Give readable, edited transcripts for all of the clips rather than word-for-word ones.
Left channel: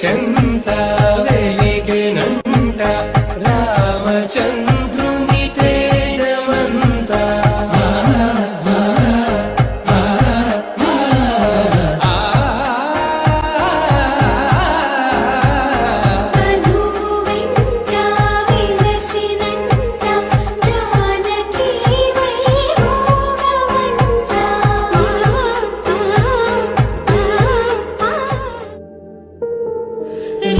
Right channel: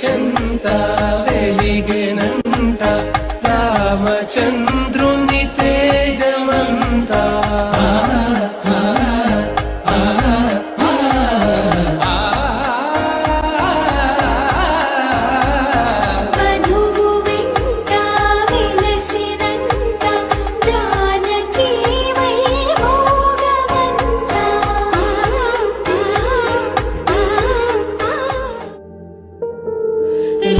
చెంత వెలిగెనంట రామచంద్రుని తేజమంత.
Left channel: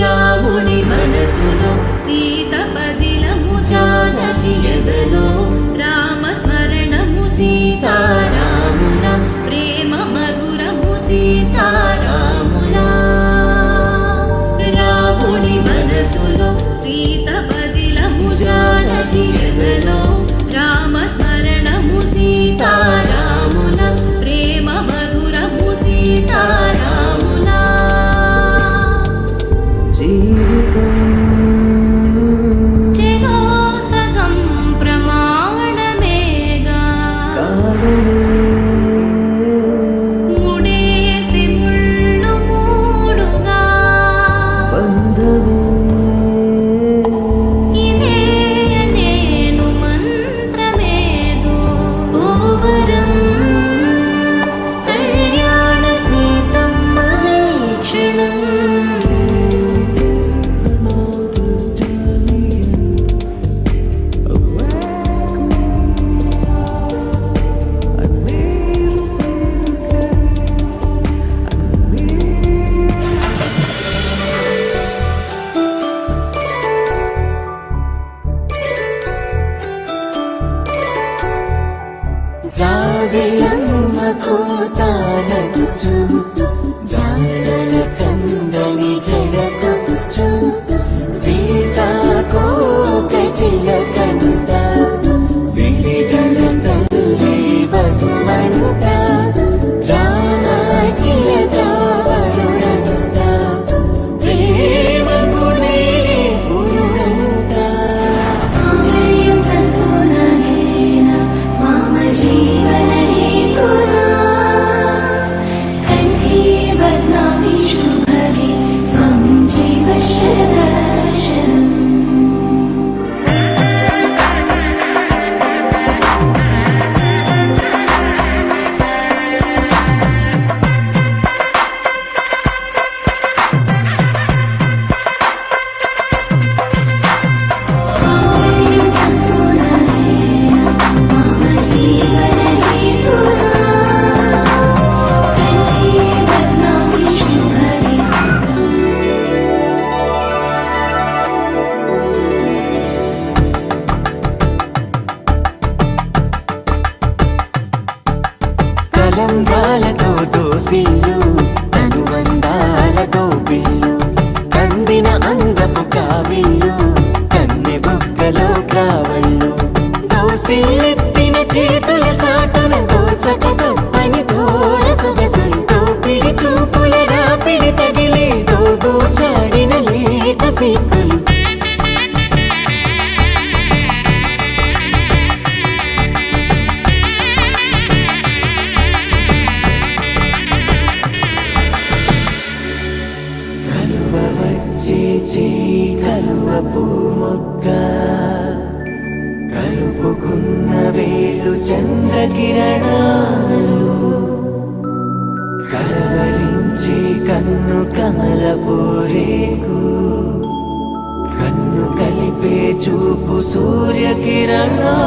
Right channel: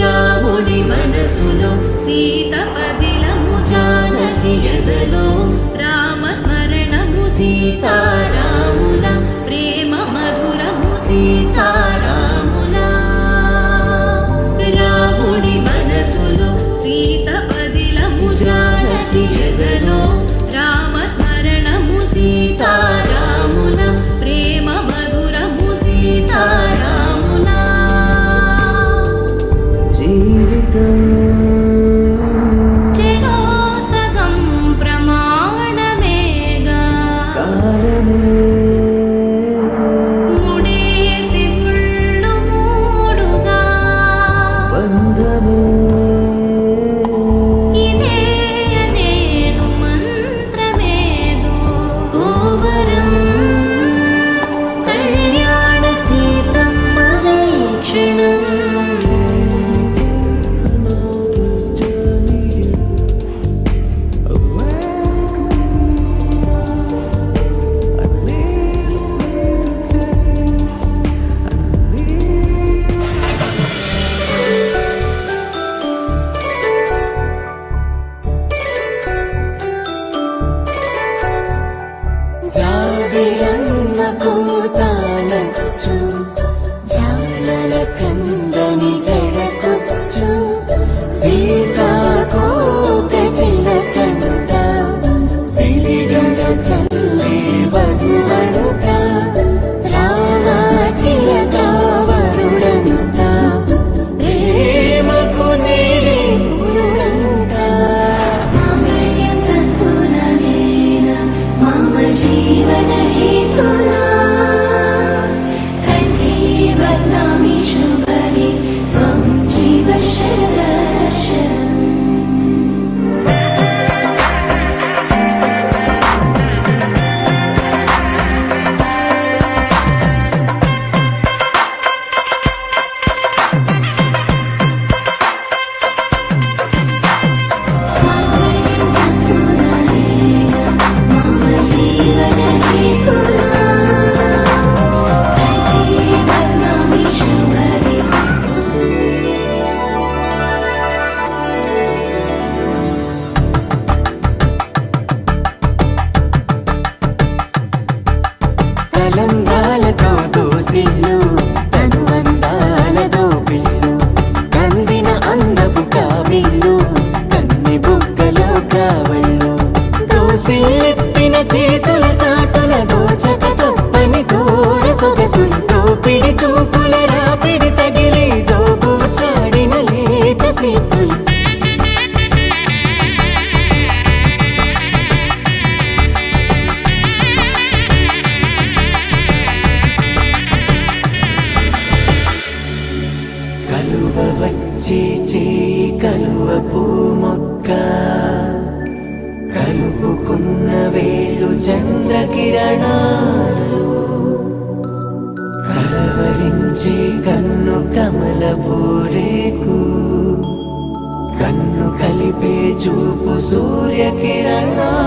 రాముడి మనసులో సీత పదిలము, జానకి ఎదలో రామస్మరణము, సీతారాముల ప్రేమ మధురము, సీతారాముల. రాముడి మనసులో సీత పదిలము, జానకి ఎదలో రామస్మరణము, సీతారాముల ప్రేమ మధురము, సీతారాముల. జీవితం చెరో సగం ప్రమాణమేగా, కాలమే ముడేసి ముళ్ళు మూడుగా, బంధమే ఇదే నేను మంత్రమేదో ఓవరం. కళ్యాణ సీతమ్మ వీక్షణం. కలువ పూమొక్క కలుపుకున్న వేలు చంద్రకిరణాలు కలవరించి కన్ను కమల పూరేకు కన్ను కలిపే చూపు సూర్యకిరణాలు.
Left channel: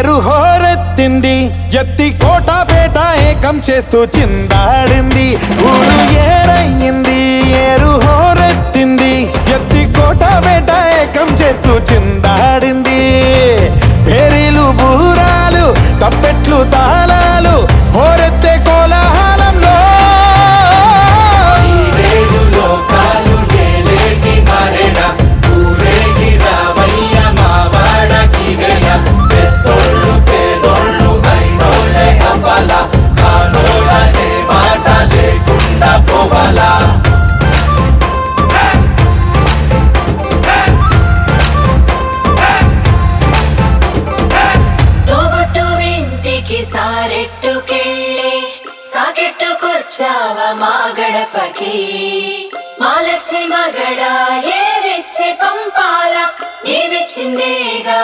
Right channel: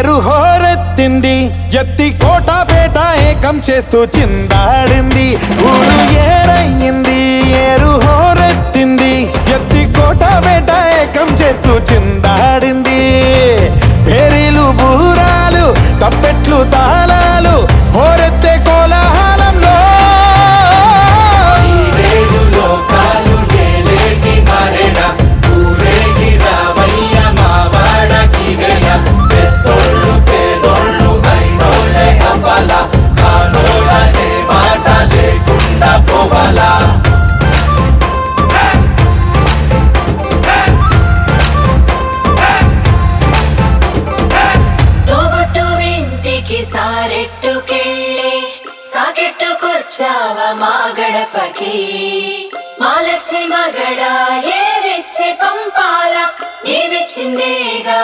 ఏరు హోరెత్తింది, ఎత్తి కోటపేట ఏకం చేస్తూ చిందాడింది. ఊరు ఏరయ్యింది, ఏరు హోరెత్తింది, ఎత్తి కోటపేట ఏకం చేస్తూ చిందాడింది. పేరీలు బూరాలు తప్పెట్లు తాళాలు హోరెత్తే కోలాహలంలో ఏడు లోకాలు ఏలేటి మరెడ ఊరేగి రావయ్య మావాడకి వెల పెద్దోళ్ళు పేదోళ్ళు అయినోళ్ళే అవ్వాల కానోళ్ళనే మాట లేకుండా పోవాలా తోబుట్టు ఇంటికి సారెట్టుకెళ్ళి సాకెట్టుకొచ్చావ మా గడపకి. మా లక్ష్మి మగడ ఏవిచ్చి పంపాల నీవిచ్చిందేగా